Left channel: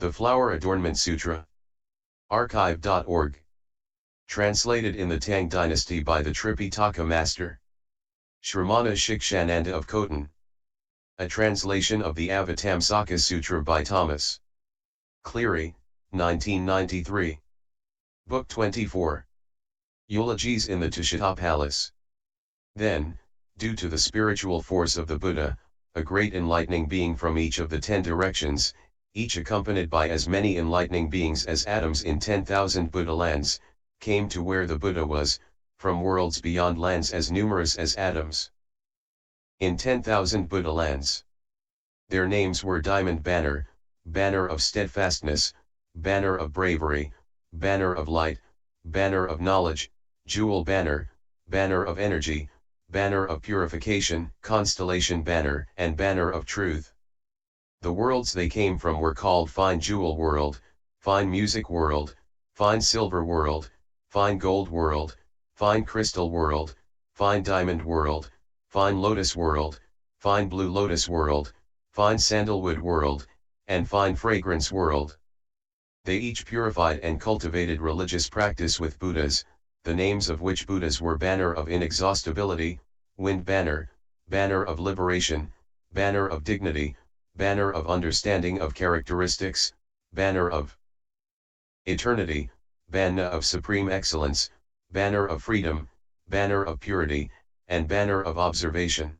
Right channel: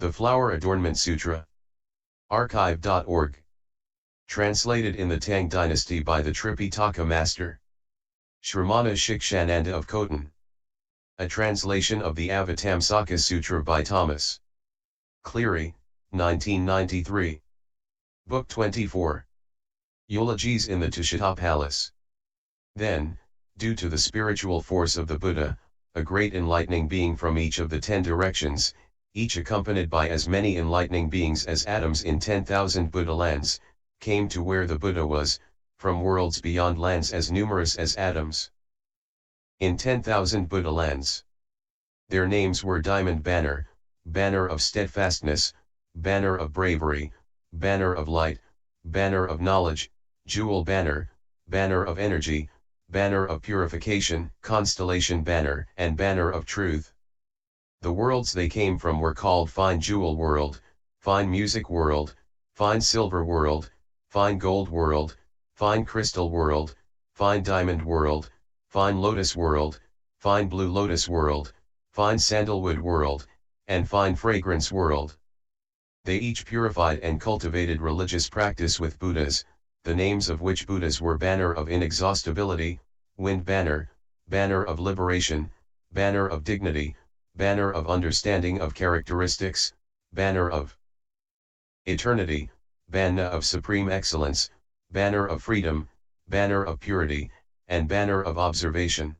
The Flower Adornment Sutra. Archive.org. Translated in the Tang Dynasty by the Tripitaka Master Shramana Shikshananda of Khotan. A translation of the Avatamsaka-Sutra by Thomas Cleary, 1993. Book 24. Eulogies in the Tushita Palace. Then, due to the spiritual force of the Buddha, a great enlightening being from each of the 10 directions, each accompanied by as many enlightening beings as atoms in 10,000 Buddha lands, came to where the Buddha was, from worlds beyond lands as numerous as atoms. In 10,000 Buddha lands. Their names were Diamond Banner, Banner of Steadfastness, Banner of Bravery, Banner of Light, Banner of Knowledge, Jewel Banner, Banner of Energy, Banner of Purification, Constellation Banner, and Banner of Truth. The worlds they came from were called Fine Jewel World, Fine Music World, Fine Silver World, Fine Gold World, Fine Crystal World, Fine Diamond World, Fine Lotus World, Fine Blue Lotus World, Fine Sandalwood World, and Fine Fragrance World. They each purified and cultivated religious practice with Buddhas, the names of which Buddhas were Banner of Inexhaustibility, Wind Banner, Banner of Liberation, Banner of Dignity, Banner of Understanding of Characteristics, Banner of Eternity, Banner of Supreme Excellence, Banner of Freedom, Banner of Purity, and Banner of Observation.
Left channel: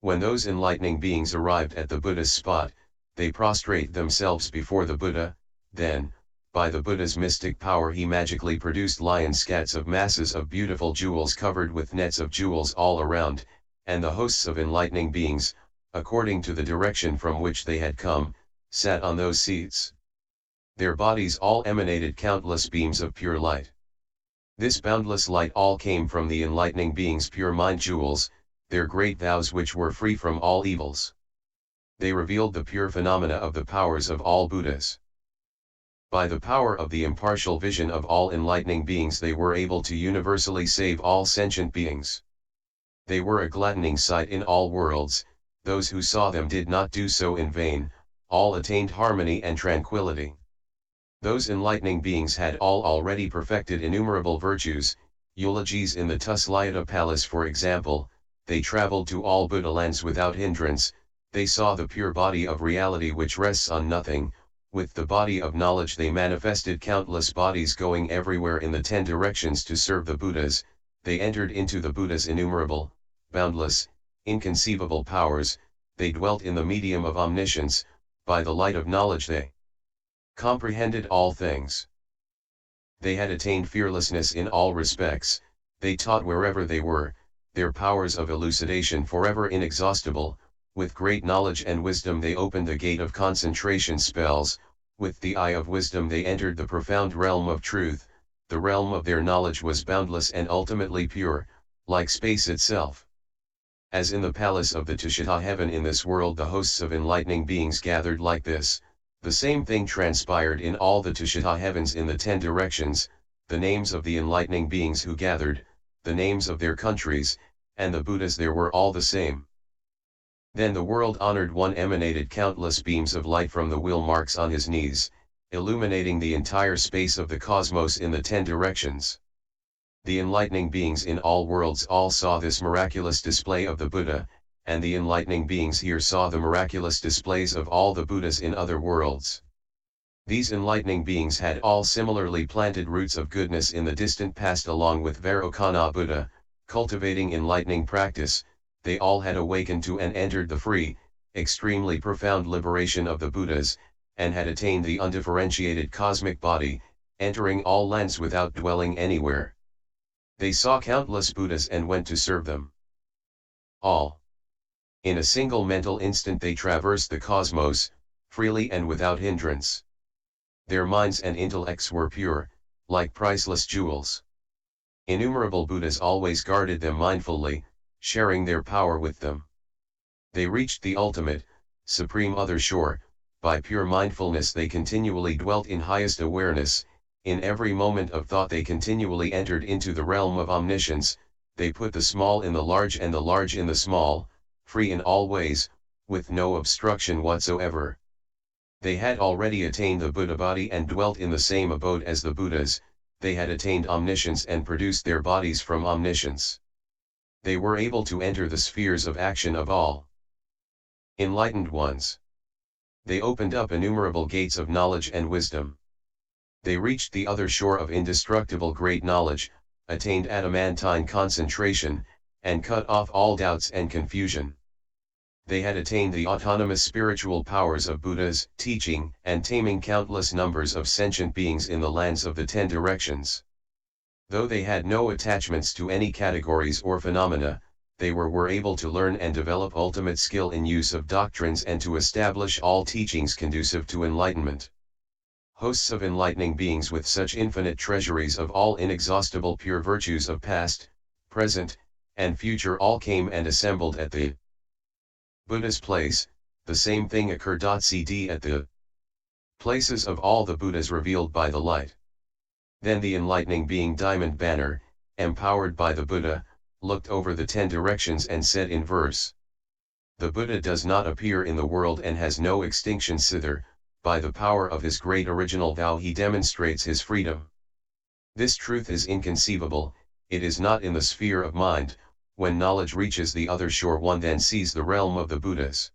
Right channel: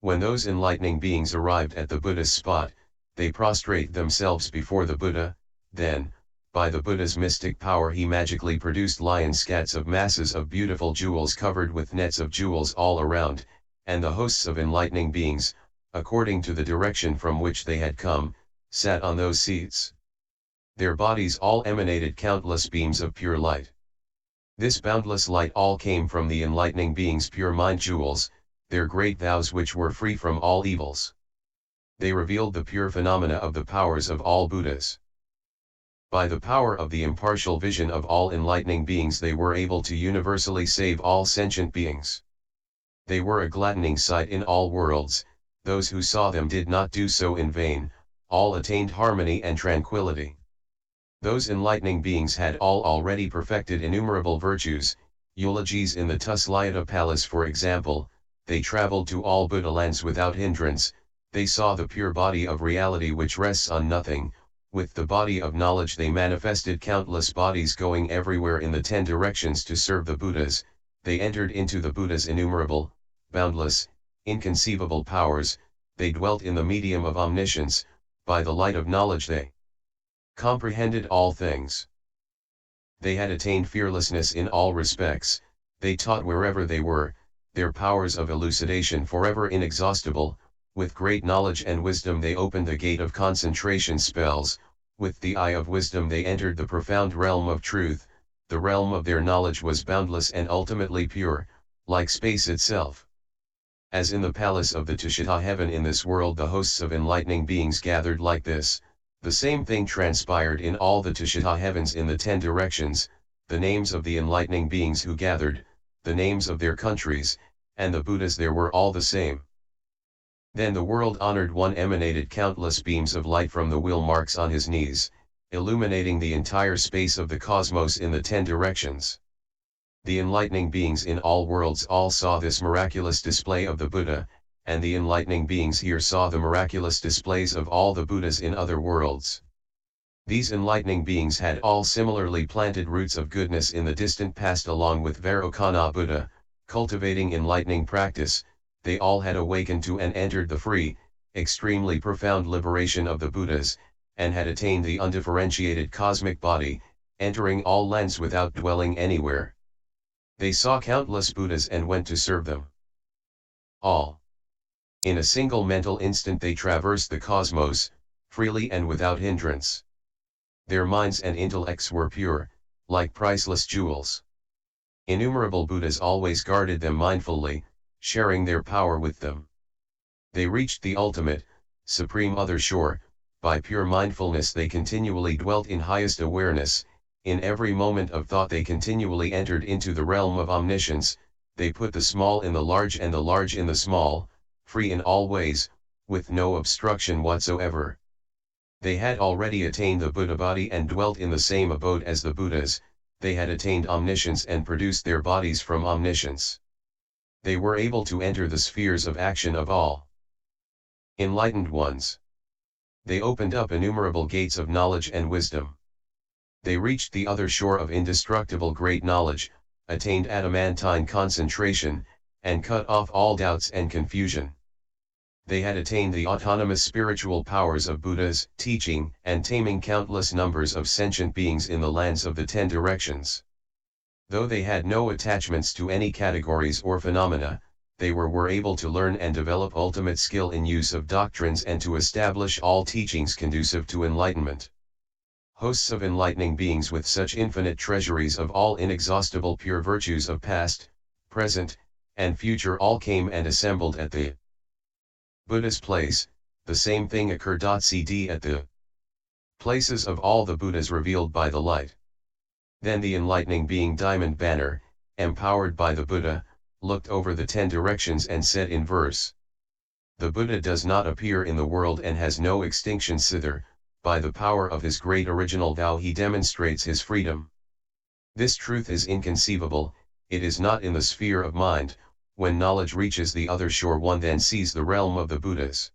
When those enlightening beings arrived at the Buddha's spot, they prostrate themselves before the Buddha. Then, by the Buddha's mystic power, he magically produced lion scats of masses of beautiful jewels covered with nets of jewels all around, and the hosts of enlightening beings, according to the direction from which they had come, sat on those seats. Their bodies all emanated countless beams of pure light. This boundless light all came from the enlightening beings' pure mind jewels, their great vows which were free from all evils. They revealed the pure phenomena of the powers of all Buddhas. By the power of the impartial vision of all enlightening beings, they were able to universally save all sentient beings. They were a gladdening sight in all worlds. Those who saw them did not do so in vain, all attained harmony and tranquility. Those enlightening beings had all already perfected innumerable virtues. Eulogies in the Tuslayata Palace, for example. They traveled to all Buddha lands without hindrance. They saw the pure body of reality which rests on nothing. With the body of knowledge they manifested countless bodies going everywhere in the 10 directions to serve the Buddhas. They entered into the Buddha's innumerable, boundless, inconceivable powers. They dwelt in the medium of omniscience. By the light of knowledge they comprehended all things. They had attained fearlessness in all respects. They taught wherever they were, their powers of elucidation forever inexhaustible. With great knowledge and wisdom they opened the gate of concentration spells. With the eye of wisdom they entered the profound realm of truth. The realm of their knowledge was boundless and ultimately pure, like space itself. As in the palace of the Tushita heaven, in this world the hosts of enlightening beings gathered like this, the same thing transpired in all the Tushita heavens in the 10 directions. The names of the enlightening beings who gathered, the names of their countries, and the Buddhas there were all the same. Then the world-honored one emanated countless beams of light from the wheel marks on his knees, illuminating the entire space of the cosmos in the 10 directions. The enlightening beings in all worlds all saw this miraculous display of the Buddha, and the enlightening beings here saw the miraculous displays of all the Buddhas in other worlds. These enlightening beings had all similarly planted roots of goodness in the distant past along with Vairocana Buddha, cultivating enlightening practice. They all had awakened to and entered the free, extremely profound liberation of the Buddhas, and had attained the undifferentiated cosmic body, entering all lands without dwelling anywhere. They saw countless Buddhas and went to serve them. All. In a single mental instant they traversed the cosmos, freely and without hindrance. Their minds and intellects were pure, like priceless jewels. Innumerable Buddhas always guarded them mindfully, sharing their power with them. They reached the ultimate, supreme other shore. By pure mindfulness they continually dwelt in highest awareness. In every moment of thought they continually entered into the realm of omniscience. They put the small in the large and the large in the small, free in all ways, with no obstruction whatsoever. They had already attained the Buddha body and dwelt in the same abode as the Buddhas. They had attained omniscience and produced their bodies from omniscience. They were able to enter the spheres of action of all enlightened ones. They opened up innumerable gates of knowledge and wisdom. They reached the other shore of indestructible great knowledge, attained adamantine concentration, and cut off all doubts and confusion. They had attained the autonomous spiritual powers of Buddhas, teaching and taming countless numbers of sentient beings in the lands of the 10 directions. Though they had no attachments to any categories or phenomena, they were able to learn and develop ultimate skill in use of doctrines and to establish all teachings conducive to enlightenment. Hosts of enlightening beings with such infinite treasuries of all inexhaustible pure virtues of past, present, and future all came and assembled at the Buddha's place. The same thing occurred. Cd at the places of all the Buddhas revealed by the light. Then the enlightening being Diamond Banner, empowered by the Buddha, looked over the 10 directions and said in verse: The Buddha does not appear in the world and has no extinction thither. By the power of his great original vow he demonstrates his freedom. This truth is inconceivable, it is not in the sphere of mind. When knowledge reaches the other shore, one then sees the realm of the Buddhas.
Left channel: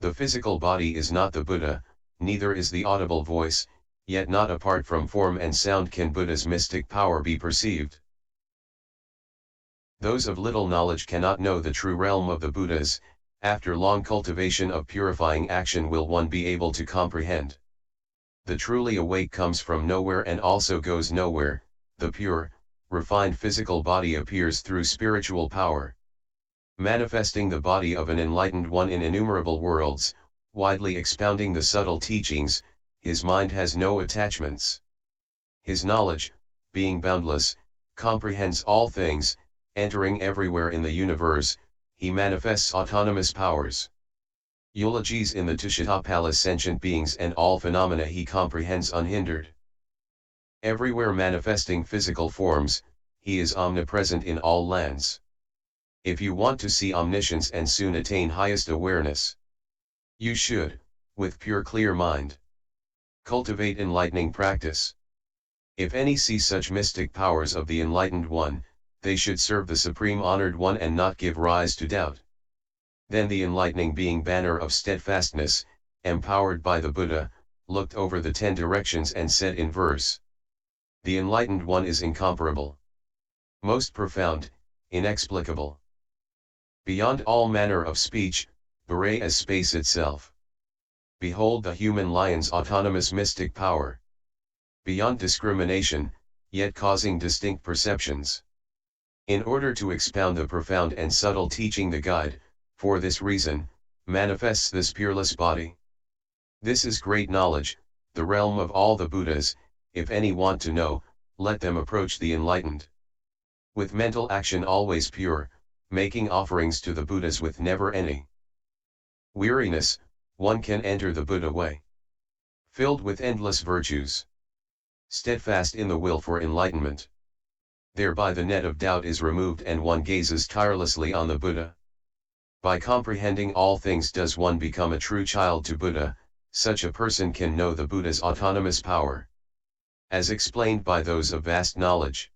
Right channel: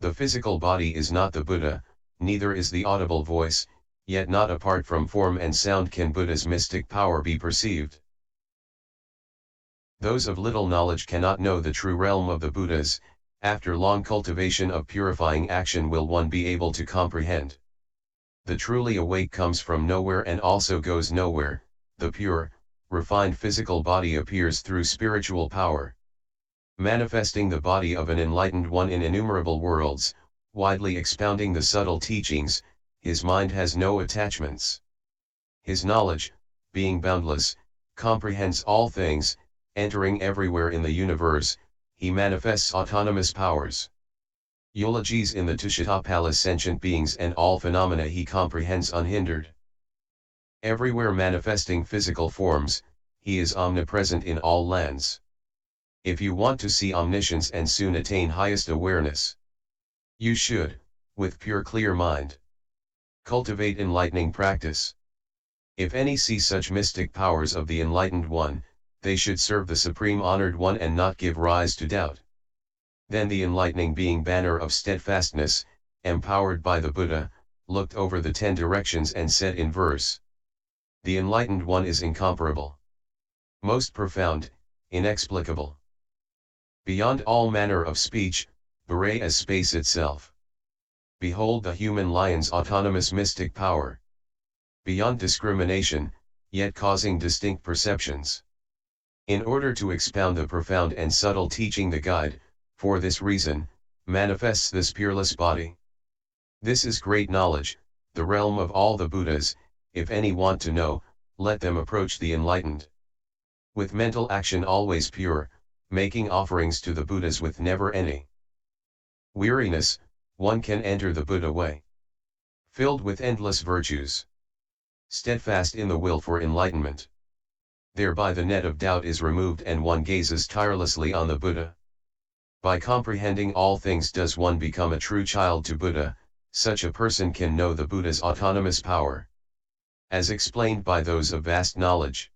The physical body is not the Buddha, neither is the audible voice, yet not apart from form and sound can Buddha's mystic power be perceived. Those of little knowledge cannot know the true realm of the Buddhas. After long cultivation of purifying action will one be able to comprehend. The truly awake comes from nowhere and also goes nowhere. The pure, refined physical body appears through spiritual power, manifesting the body of an enlightened one in innumerable worlds, widely expounding the subtle teachings. His mind has no attachments. His knowledge, being boundless, comprehends all things, entering everywhere in the universe. He manifests autonomous powers. Eulogies in the Tushitapala sentient beings and all phenomena he comprehends unhindered. Everywhere manifesting physical forms, he is omnipresent in all lands. If you want to see omniscience and soon attain highest awareness, you should, with pure clear mind, cultivate enlightening practice. If any see such mystic powers of the enlightened one, they should serve the Supreme Honored One and not give rise to doubt. Then the enlightening being Banner of Steadfastness, empowered by the Buddha, looked over the 10 directions and said in verse: The enlightened one is incomparable, most profound, inexplicable, beyond all manner of speech, beret as space itself. Behold the human lion's autonomous mystic power, beyond discrimination, yet causing distinct perceptions. In order to expound the profound and subtle teaching, the guide, for this reason, manifests this peerless body. This is great knowledge, the realm of all the Buddhas. If any want to know, let them approach the enlightened. With mental action always pure, making offerings to the Buddhas with never any weariness, one can enter the Buddha way. Filled with endless virtues, steadfast in the will for enlightenment. Thereby the net of doubt is removed and one gazes tirelessly on the Buddha. By comprehending all things does one become a true child to Buddha. Such a person can know the Buddha's autonomous power, as explained by those of vast knowledge.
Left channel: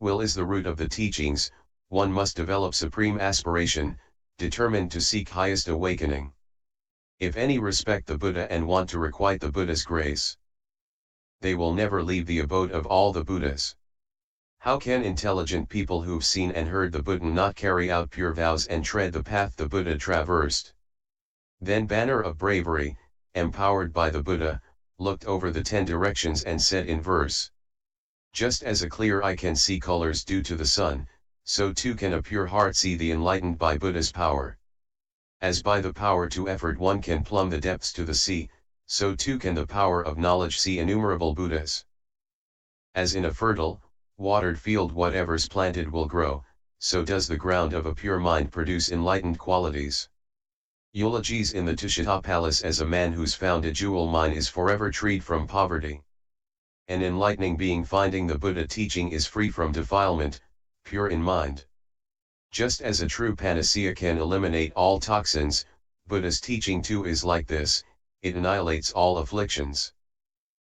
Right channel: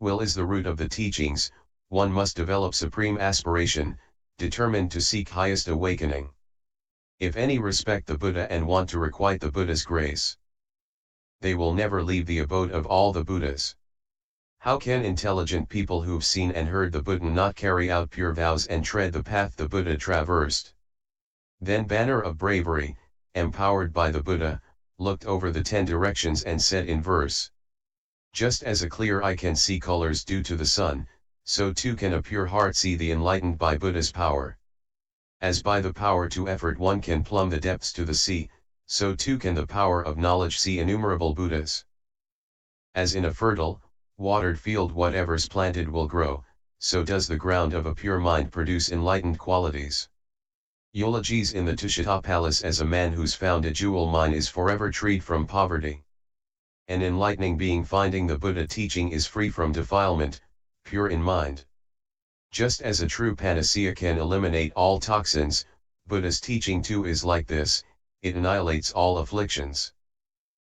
Will is the root of the teachings. One must develop supreme aspiration, determined to seek highest awakening. If any respect the Buddha and want to requite the Buddha's grace, they will never leave the abode of all the Buddhas. How can intelligent people who've seen and heard the Buddha not carry out pure vows and tread the path the Buddha traversed? Then Banner of Bravery, empowered by the Buddha, looked over the 10 directions and said in verse: Just as a clear eye can see colors due to the sun, so too can a pure heart see the enlightened by Buddha's power. As by the power to effort one can plumb the depths to the sea, so too can the power of knowledge see innumerable Buddhas. As in a fertile, watered field whatever's planted will grow, so does the ground of a pure mind produce enlightened qualities. Eulogies in the Tushitapalas as a man who's found a jewel mine is forever freed from poverty. An enlightening being finding the Buddha teaching is free from defilement, pure in mind. Just as a true panacea can eliminate all toxins, Buddha's teaching too is like this. it annihilates all afflictions.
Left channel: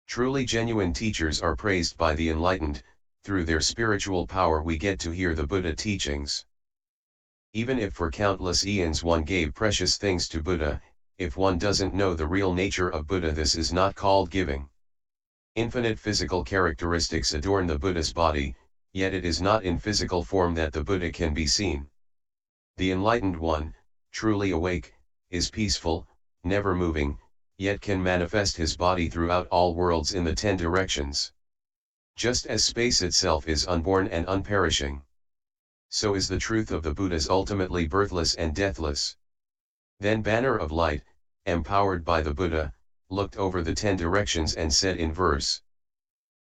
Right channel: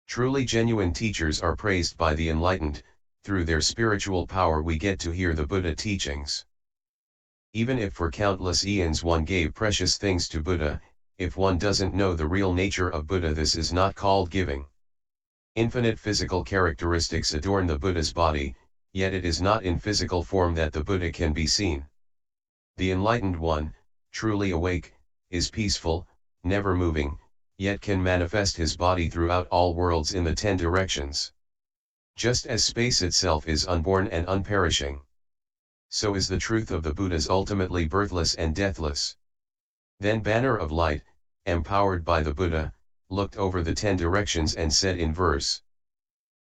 Truly genuine teachers are praised by the enlightened. Through their spiritual power we get to hear the Buddha teachings. Even if for countless eons one gave precious things to Buddha, if one doesn't know the real nature of Buddha, this is not called giving. Infinite physical characteristics adorn the Buddha's body, yet it is not in physical form that the Buddha can be seen. The enlightened one, truly awake, is peaceful, never moving, yet can manifest his body throughout all worlds in the 10 directions. Just as space itself is unborn and unperishing, so is the truth of the Buddhas ultimately birthless and deathless. Then Banner of Light, empowered by the Buddha, looked over the 10 directions and said in verse:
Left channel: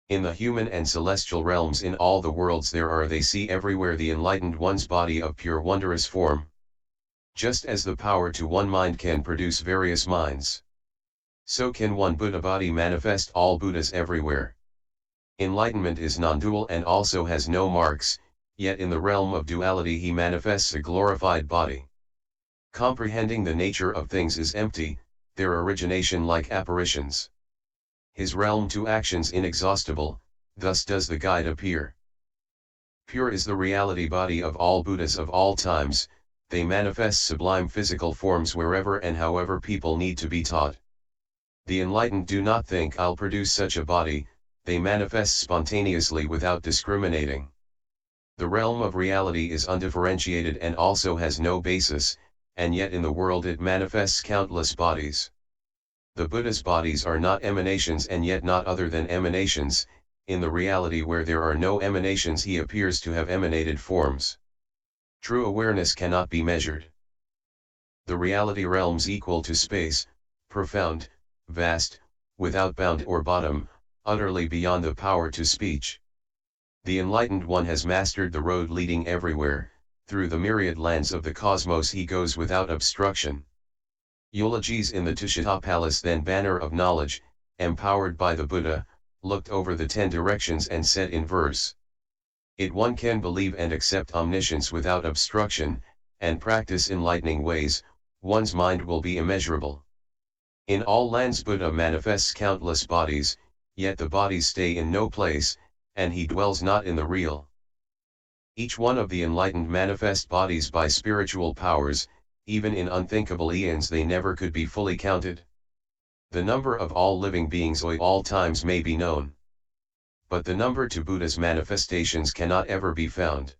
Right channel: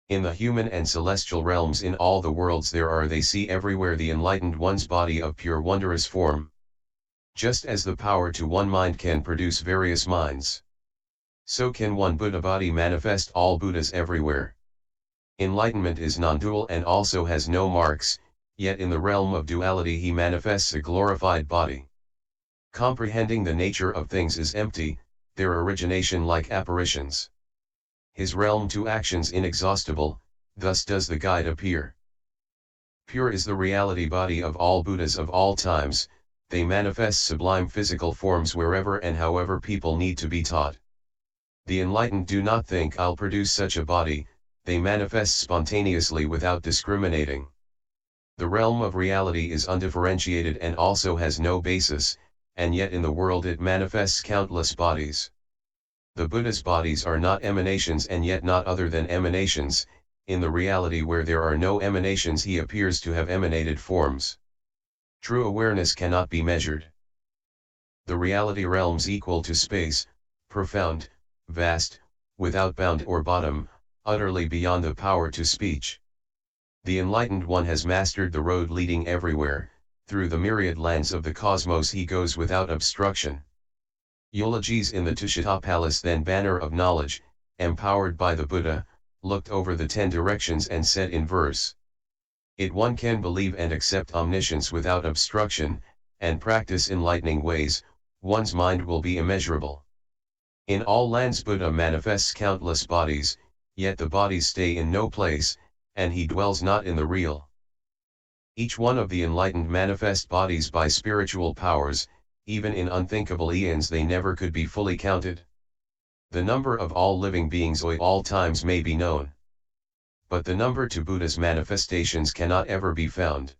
in the human and celestial realms, in all the worlds there are, they see everywhere the enlightened one's body of pure wondrous form. Just as the power to one mind can produce various minds, so can one Buddha body manifest all Buddhas everywhere. Enlightenment is non-dual and also has no marks, yet in the realm of duality he manifests a glorified body. Comprehending the nature of things is empty, their origination like apparitions. His realm to actions inexhaustible, thus does the guide appear. Pure is the reality body of all Buddhas of all times, they manifest sublime physical forms wherever and however people need to be taught. The enlightened do not think, I'll produce such a body, they manifest spontaneously without discriminating. The realm of reality is undifferentiated and also has no basis, and yet in the world it manifests countless bodies. The Buddha's bodies are not emanations and yet not other than emanations. In the reality where there are no emanations he appears to have emanated forms. True awareness cannot be measured. The reality realms equal to space, profound, vast, without bound or bottom, utterly beyond the power to speech. The enlightened one has mastered the road leading everywhere, through the myriad lands of the cosmos he goes without obstruction. Eulogies in the Tushita Palace. Then Banner of Knowledge, empowered by the Buddha, looked over the 10 directions and said in verse: it one can believe and accept omniscience without obstruction, and practice enlightening ways, one's mind will be immeasurable. In all lands Buddha manifests countless bodies, yet the bodies stay in no place, and he dwells not in the real. Each one of the enlightened manifest bodies by spiritual powers, even in unthinkable eons they never could be fully counted. The number of all living beings at all times may be known, but the number to Buddha's manifestations cannot ever be found.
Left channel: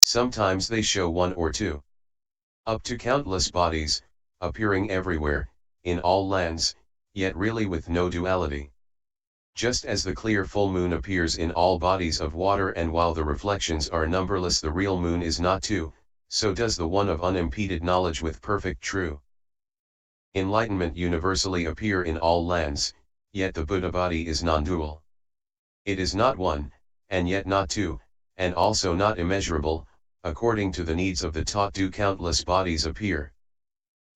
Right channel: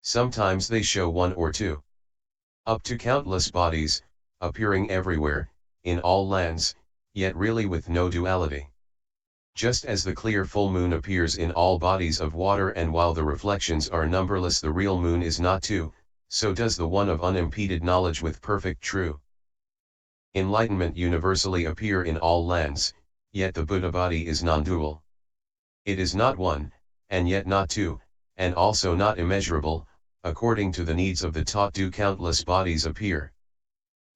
Sometimes they show 1 or 2. Up to countless bodies, appearing everywhere, in all lands, yet really with no duality. Just as the clear full moon appears in all bodies of water, and while the reflections are numberless the real moon is not 2, so does the one of unimpeded knowledge with perfect true enlightenment universally appear in all lands, yet the Buddha body is non-dual. It is not 1, and yet not 2, and also not immeasurable. According to the needs of the taught do countless bodies appear.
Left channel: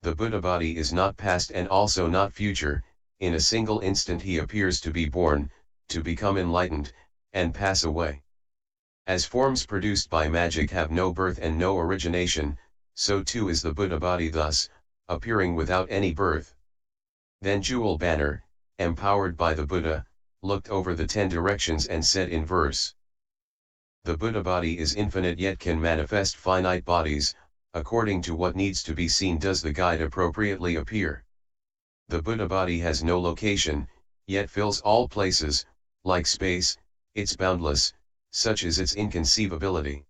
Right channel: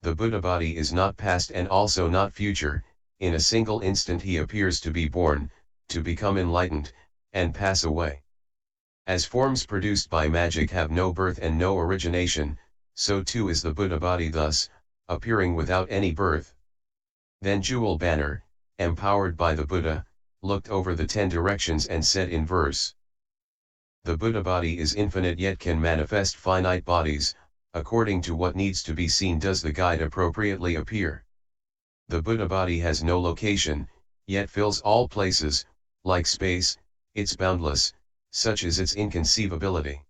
The Buddha body is not past and also not future, in a single instant he appears to be born, to become enlightened, and pass away. As forms produced by magic have no birth and no origination, so too is the Buddha body, thus, appearing without any birth. Then Jewel Banner, empowered by the Buddha, looked over the 10 directions and said in verse: the Buddha body is infinite yet can manifest finite bodies, according to what needs to be seen does the guide appropriately appear. The Buddha body has no location, yet fills all places, like space, it's boundless, such is its inconceivability.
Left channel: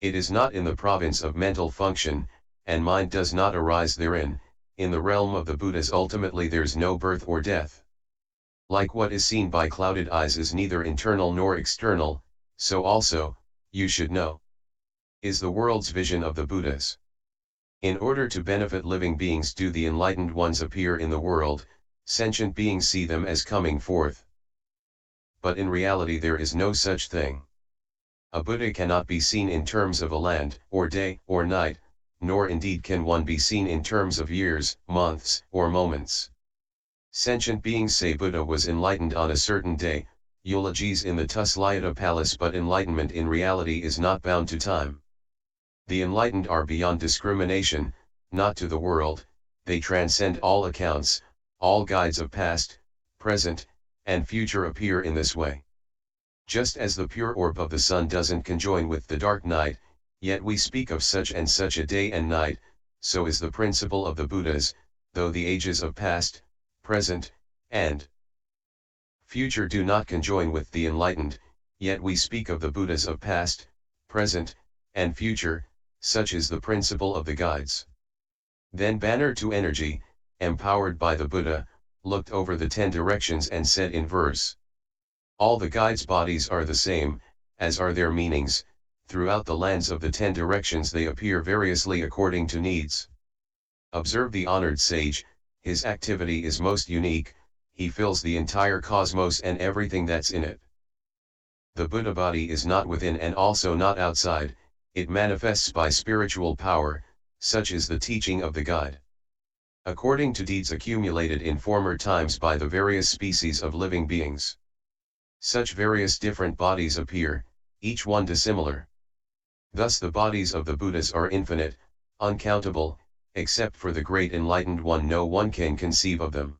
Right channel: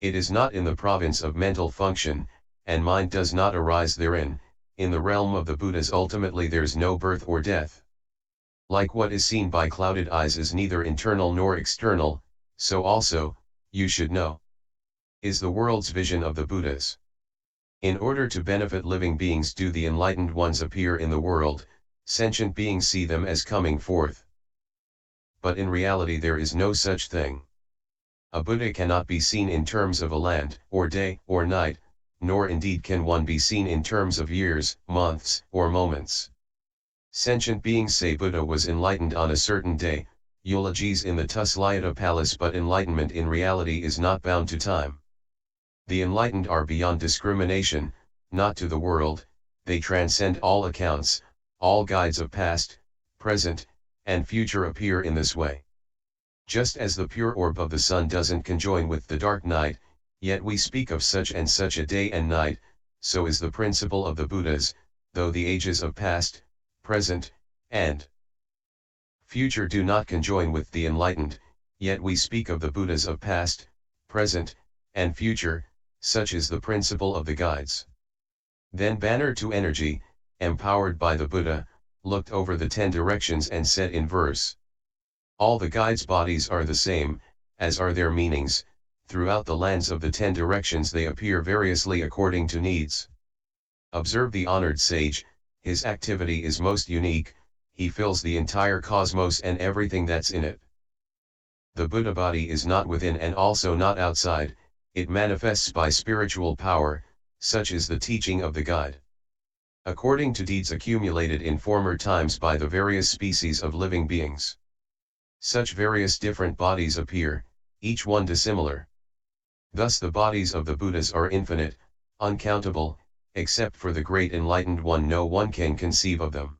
It is not in the province of mental function, and mind does not arise therein. In the realm of the Buddhas ultimately there's no birth or death. Like what is seen by clouded eyes is neither internal nor external, so also, you should know, is the world's vision of the Buddhas. In order to benefit living beings do the enlightened ones appear in the world, sentient beings see them as coming forth. But in reality there is no such thing. A Buddha cannot be seen in terms of a land, or day, or night, nor indeed can one be seen in terms of years, months, or moments. Sentient beings say Buddha was enlightened on a certain day, eulogies in the Tuslayata Palace, but enlightenment in reality is not bound to time. The enlightened are beyond discrimination, not to the world, they transcend all accounts, all guides of past, present, and future appear in this way. Just as the pure orb of the sun doesn't conjoin with the dark night, yet we speak of such and such a day and night, so is the principle of the Buddhas, though the ages of past, present, and future do not conjoin with the enlightened, yet we speak of the Buddhas of past, present, and future, such is the principle of the guides. Then Banner to Energy, empowered by the Buddha, looked over the 10 directions and said in verse: all the guides' bodies are the same, as are their meanings, throughout the lands of the 10 directions they appear variously according to needs. Observe the honored sage, his activity is most unique, he fills the entire cosmos and everything that's in it. The Buddha body is not within and also not outside, it manifests by spiritual power, such is the teaching of the guide. According to deeds accumulated in former times by the various species of living beings. Such various different bodies appear, each one dissimilar. Thus the bodies of the Buddhas are infinite, uncountable, except for the great enlightened one no one can conceive of them.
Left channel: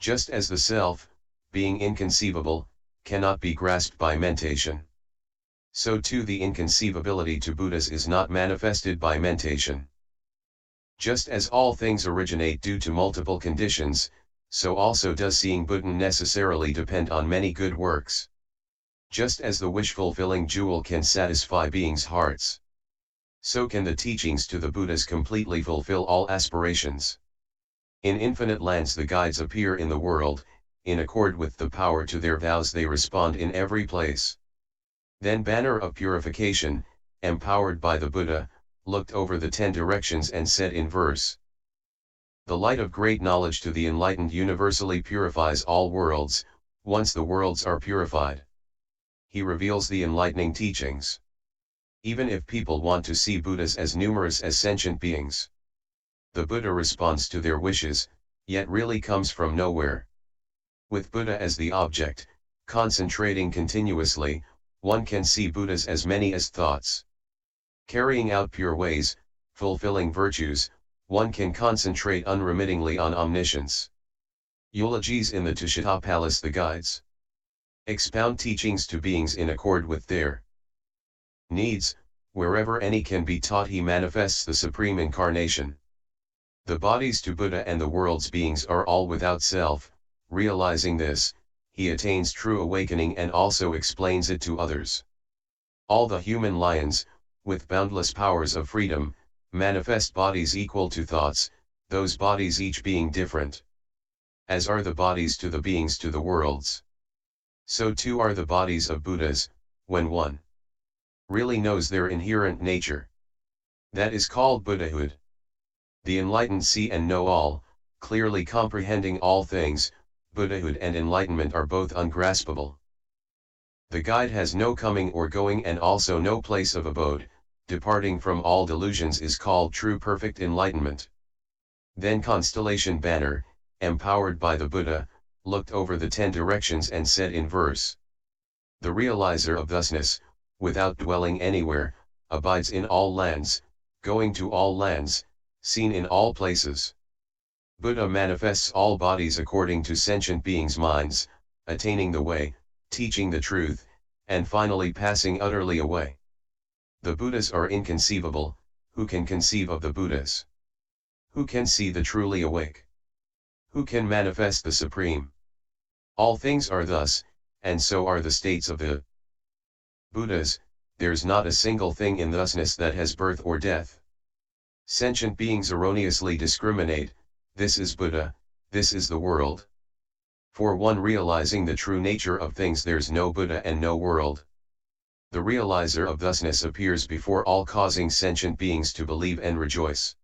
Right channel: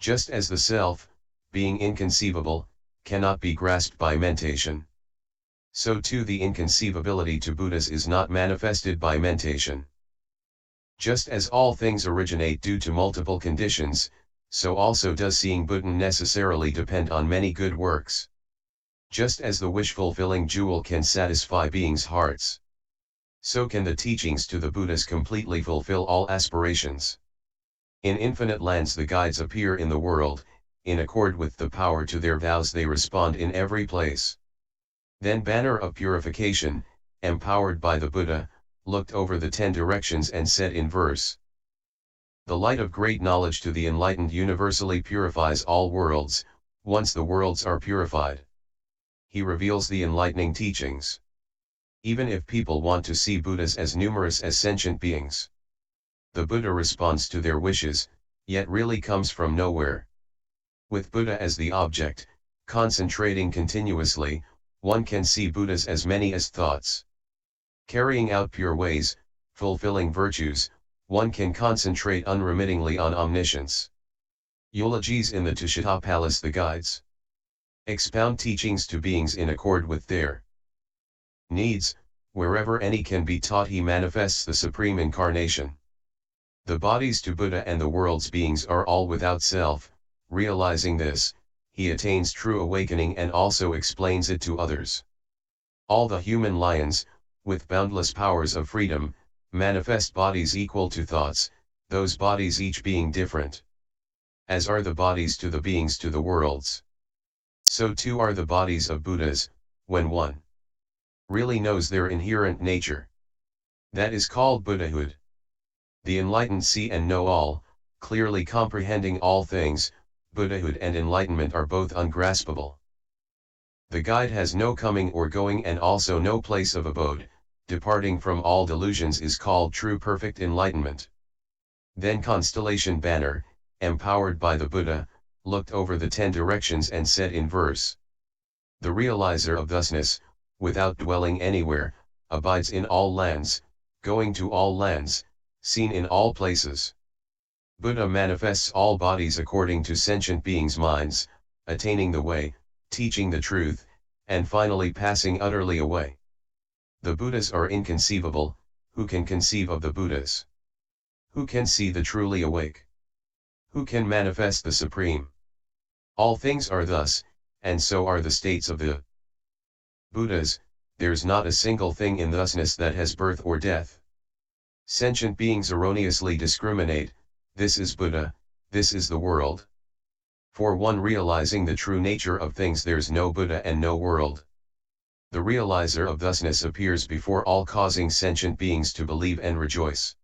Just as the self, being inconceivable, cannot be grasped by mentation. So too the inconceivability to Buddhas is not manifested by mentation. Just as all things originate due to multiple conditions, so also does seeing Buddha necessarily depend on many good works. Just as the wish-fulfilling jewel can satisfy beings' hearts, so can the teachings to the Buddhas completely fulfill all aspirations. In infinite lands the guides appear in the world, in accord with the power to their vows they respond in every place. Then Banner of Purification, empowered by the Buddha, looked over the 10 directions and said in verse: the light of great knowledge to the enlightened universally purifies all worlds, once the worlds are purified. He reveals the enlightening teachings. Even if people want to see Buddhas as numerous as sentient beings, the Buddha responds to their wishes, yet really comes from nowhere. With Buddha as the object, concentrating continuously, one can see Buddhas as many as thoughts. Carrying out pure ways, fulfilling virtues, one can concentrate unremittingly on omniscience. Eulogies in the Tushita Palace. The guides expound teachings to beings in accord with their needs, wherever any can be taught he manifests the supreme incarnation. The bodies to Buddha and the world's beings are all without self, realizing this, he attains true awakening and also explains it to others. All the human lions, with boundless powers of freedom, manifest bodies equal to thoughts, those bodies each being different. As are the bodies to the beings to the worlds, so too are the bodies of Buddhas, when one really knows their inherent nature. That is called Buddhahood. The enlightened see and know all, clearly comprehending all things. Buddhahood and enlightenment are both ungraspable. The guide has no coming or going and also no place of abode, departing from all delusions is called true perfect enlightenment. Then Constellation Banner, empowered by the Buddha, looked over the 10 directions and said in verse: the realizer of thusness, without dwelling anywhere, abides in all lands, going to all lands, seen in all places. Buddha manifests all bodies according to sentient beings' minds, attaining the way, teaching the truth, and finally passing utterly away. The Buddhas are inconceivable. Who can conceive of the Buddhas? Who can see the truly awake? Who can manifest the Supreme? All things are thus, and so are the states of the Buddhas. There's not a single thing in thusness that has birth or death. Sentient beings erroneously discriminate, this is Buddha, this is the world. For one realizing the true nature of things, there's no Buddha and no world. The realizer of thusness appears before all, causing sentient beings to believe and rejoice.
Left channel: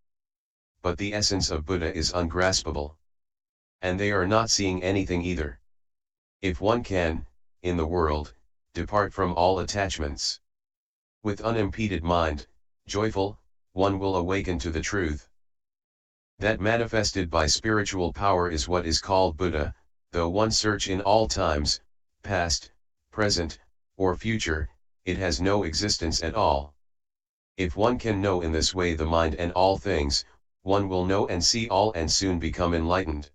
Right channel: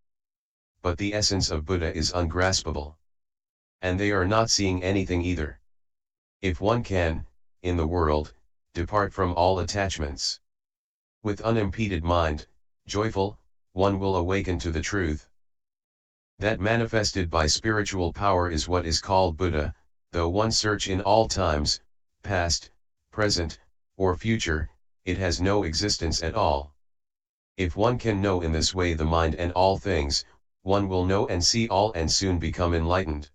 But the essence of Buddha is ungraspable. And they are not seeing anything either. If one can, in the world, depart from all attachments, with unimpeded mind, joyful, one will awaken to the truth. That manifested by spiritual power is what is called Buddha, though one search in all times, past, present, or future, it has no existence at all. If one can know in this way the mind and all things, one will know and see all and soon become enlightened.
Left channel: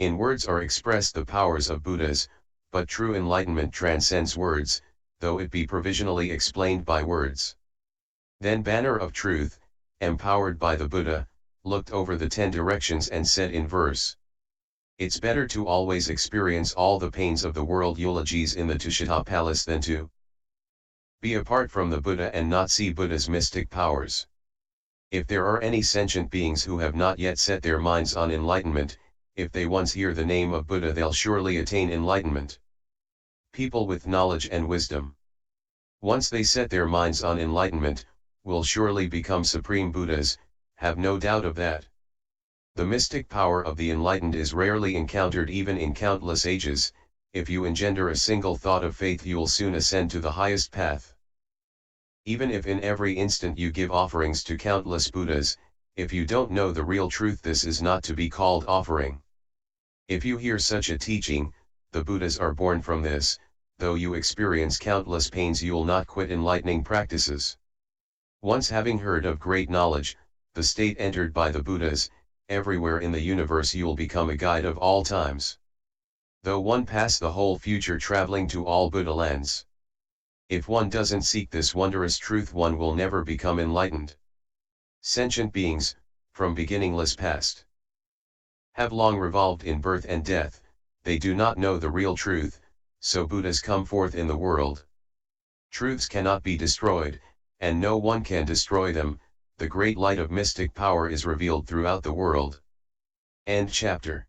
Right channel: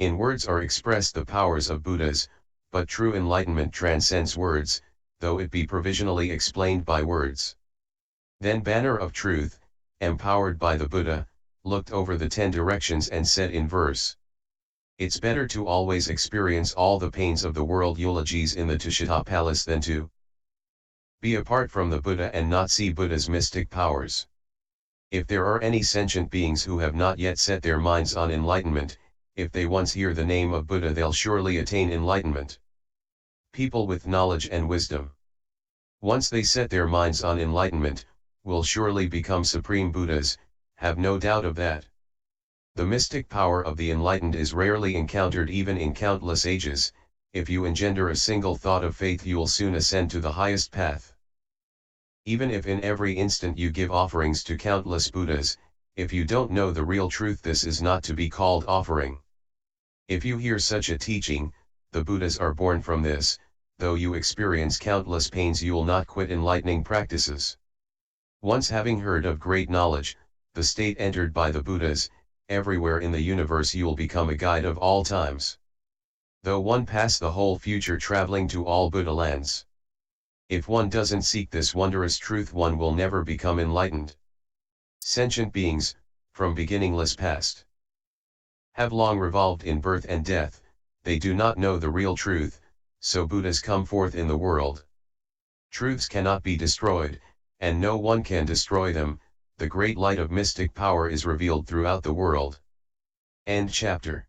In words are expressed the powers of Buddhas, but true enlightenment transcends words, though it be provisionally explained by words. Then Banner of Truth, empowered by the Buddha, looked over the 10 directions and said in verse, "It's better to always experience all the pains of the world eulogies in the Tushita palace than to be apart from the Buddha and not see Buddha's mystic powers. If there are any sentient beings who have not yet set their minds on enlightenment, if they once hear the name of Buddha they'll surely attain enlightenment. People with knowledge and wisdom, once they set their minds on enlightenment, will surely become supreme Buddhas, have no doubt of that. The mystic power of the enlightened is rarely encountered even in countless ages. If you engender a single thought of faith you'll soon ascend to the highest path. Even if in every instant you give offerings to countless Buddhas, if you don't know the real truth this is not to be called offering. If you hear such a teaching, the Buddhas are born from this, though you experience countless pains you'll not quit enlightening practices. Once having heard of great knowledge, the state entered by the Buddhas, everywhere in the universe you'll become a guide of all times. Though one pass the whole future traveling to all Buddha lands. If one doesn't seek this wondrous truth one will never become enlightened. Sentient beings, from beginningless past, have long revolved in birth and death, they do not know the real truth, so Buddhas come forth in the world. Truths cannot be destroyed, and no one can destroy them, the great light of mystic power is revealed throughout the world. End chapter.